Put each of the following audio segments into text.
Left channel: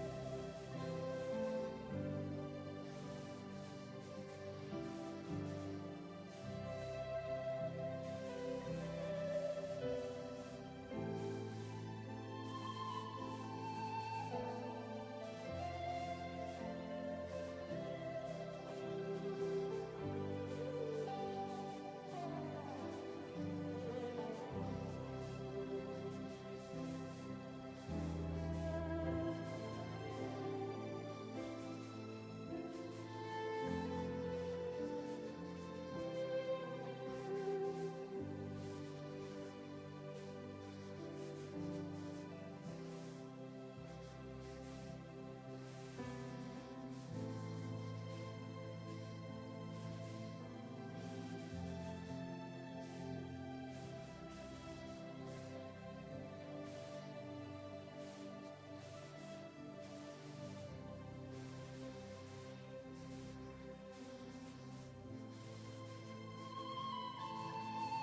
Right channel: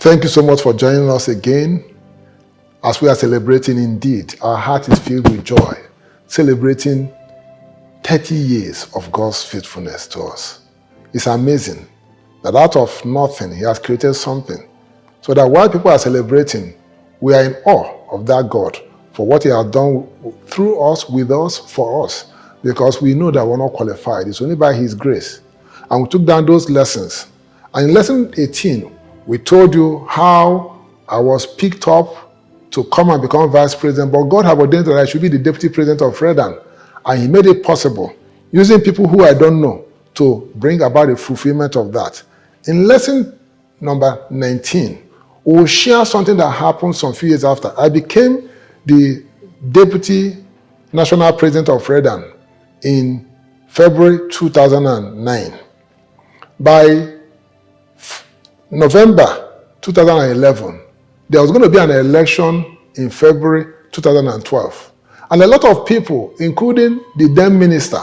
Thank you so much for joining us again as we are celebrating. Indeed, our heart is filled with joy, celebrating 30 years of God's faithfulness to us. It's amazing that out of nothing, He has created something, so that while people are celebrating, we are in awe of that God for what He has done through us, with us, for us, because we know that we're not qualified. It's only by His grace. And we took down those lessons. And in lesson 18, we told you how I was picked up to come and become vice president, but God had ordained that I should be the deputy president of REDAN. And He made it possible, using people who I don't know, to bring about the fulfillment of that. In lesson number 19, we'll share something that happened some few years after. I became the deputy national president of REDAN in February 2009. By November 2011, there was going to be an election in February 2012. And a lot of people, including the then minister,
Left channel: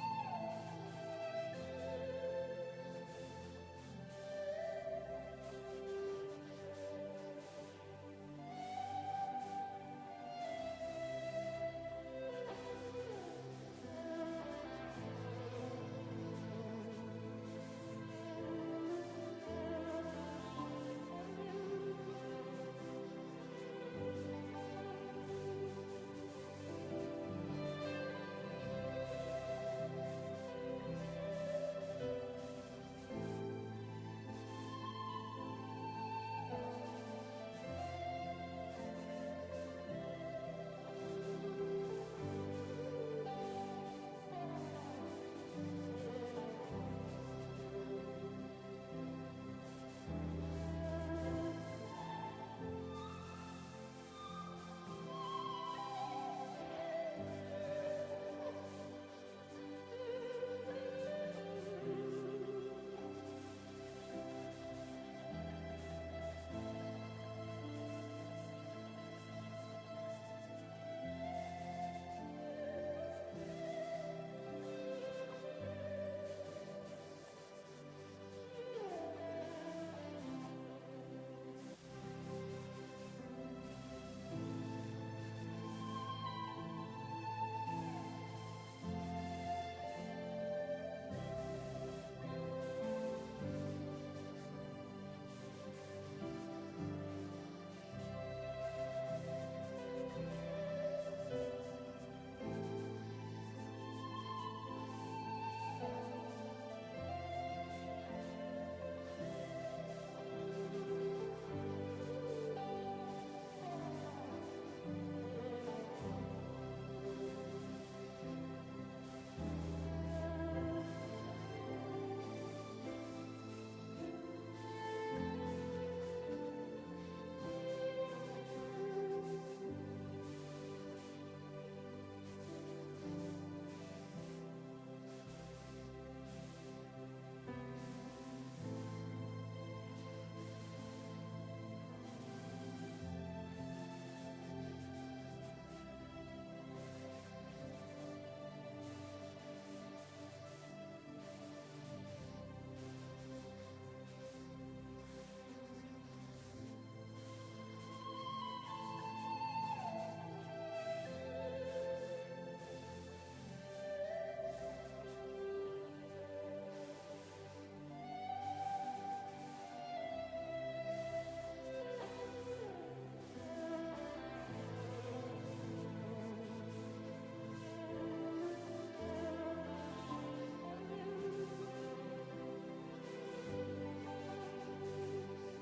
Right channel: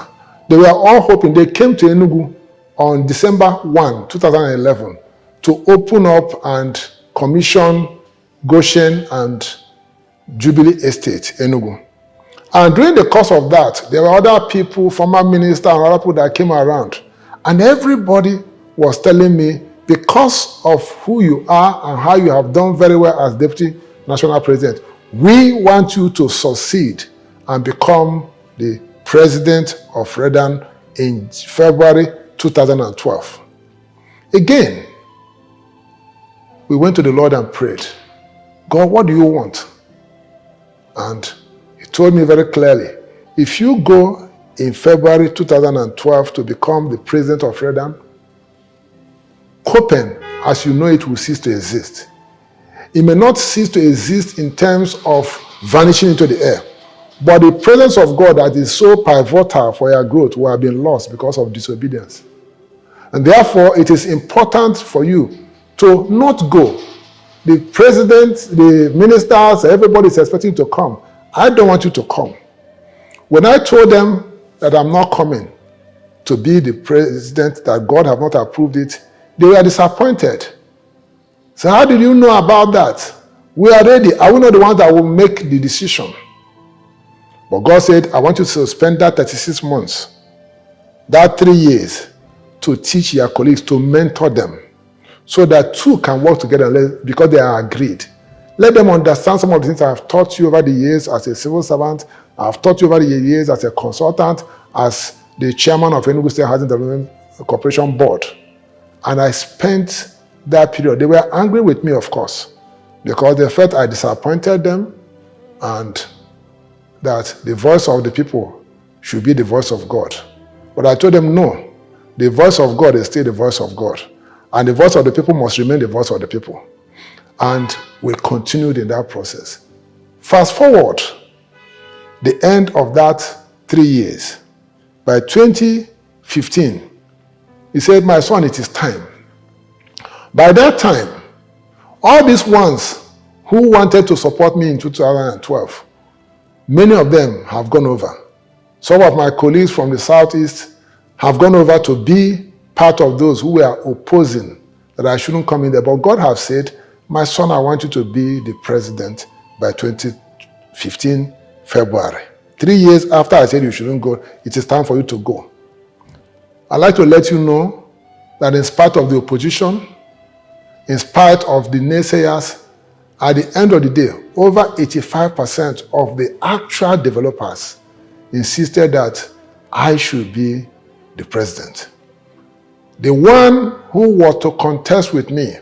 they were all hoping. They came to Enugu on December 1, 2011 to open up and commission Goshen and Jubilee Estate, Enugu. And during the course of that, there were other people, former ministers and other people that came around. And everybody was telling me, because of who you are and how you have done very well as Deputy National President, we want you to succeed and become the President of REDAN in February 2012. Again, we went to the Lord and prayed, God, what do you want? And He told me very clearly, if you go in February 2012 to become the President of REDAN, Copen, as you know it, will cease to exist. It may not cease to exist in terms of vanishing into the air, but the presence of God that is so pivotal for your growth will have been lost because of disobedience. And therefore, it is important for you to not go. The president, the ministers, everybody is expecting you to come. I don't want you to come. When I told them that I'm not coming to be the president, that God have not approved it, they were disappointed. So how did you know about that? We are ready. Are we not the ones that will make the decision? But God said, I want you to spend that 36 months, that 3 years, to teach your colleagues, to mentor them, so that two can work together because they are agreed. Let them understand some of the things I have taught you over the years as a civil servant. I have taught you over the years as a consultant, as the chairman of Enugu State Housing Development Corporation Board. And I spent that period. They were angry with me, of course, because they felt I disappointed them and that the voice of the people should be the voice of God. But I told them, no, the voice of God is still the voice of God. And the voice of the people must remain the voice of the people. And we continued in that process. Fast forward, the end of that 3 years, by 2015, He said, my son, it is time. By that time, all these ones who wanted to support me in 2012, many of them have gone over. Some of my colleagues from the Southeast have gone over to be part of those who were opposing that I shouldn't come in there. But God has said, my son, I want you to be the president by 2015 February. 3 years after I said you shouldn't go, it is time for you to go. I'd like to let you know that in spite of the opposition, in spite of the naysayers, at the end of the day, over 85% of the actual developers insisted that I should be the president. The one who was to contest with me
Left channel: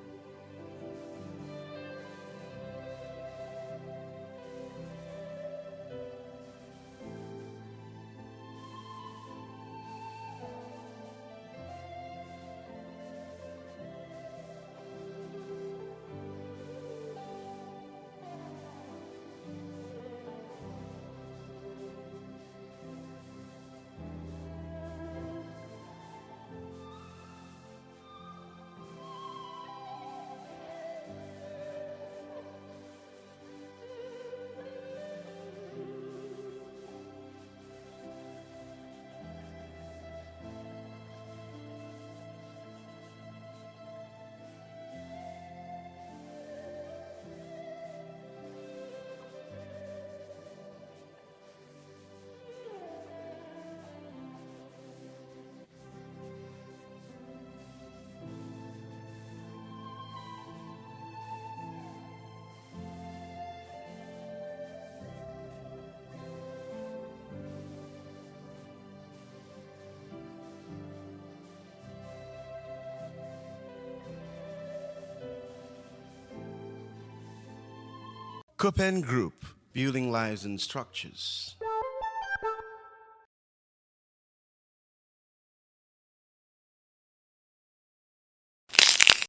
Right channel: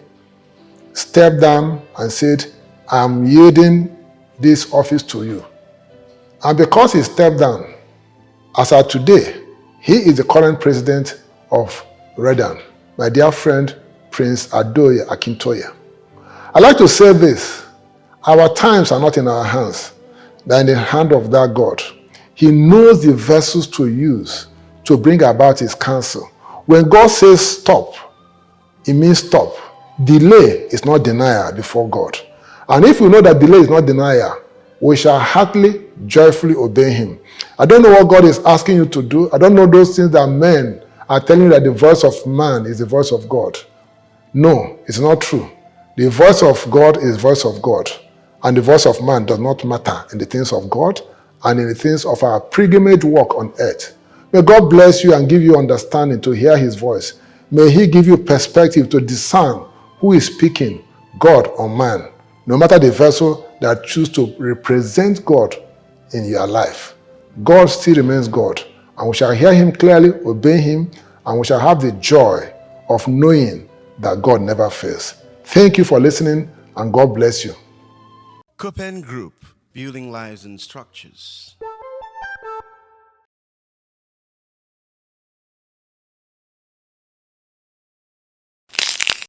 stepped down and said, I'm yielding this office to you. And because he stepped down, as of today, he is the current president of REDAN, my dear friend, Prince Adoye Akintoye. I'd like to say this, our times are not in our hands, they're in the hand of that God. He knows the vessels to use to bring about His counsel. When God says stop, it means stop. Delay is not denial before God. And if we know that delay is not denial, we shall heartily, joyfully obey Him. I don't know what God is asking you to do. I don't know those things that men are telling you that the voice of man is the voice of God. No, it's not true. The voice of God is voice of God, and the voice of man does not matter in the things of God and in the things of our pilgrimage walk on earth. May God bless you and give you understanding to hear his voice. May he give you perspective to discern who is speaking, God or man, no matter the vessel that choose to represent God in your life. God still remains God, and we shall hear him clearly, obey him, and we shall have the joy of knowing that God never fails. Thank you for listening, and God bless you. Copen Group, building lives and structures.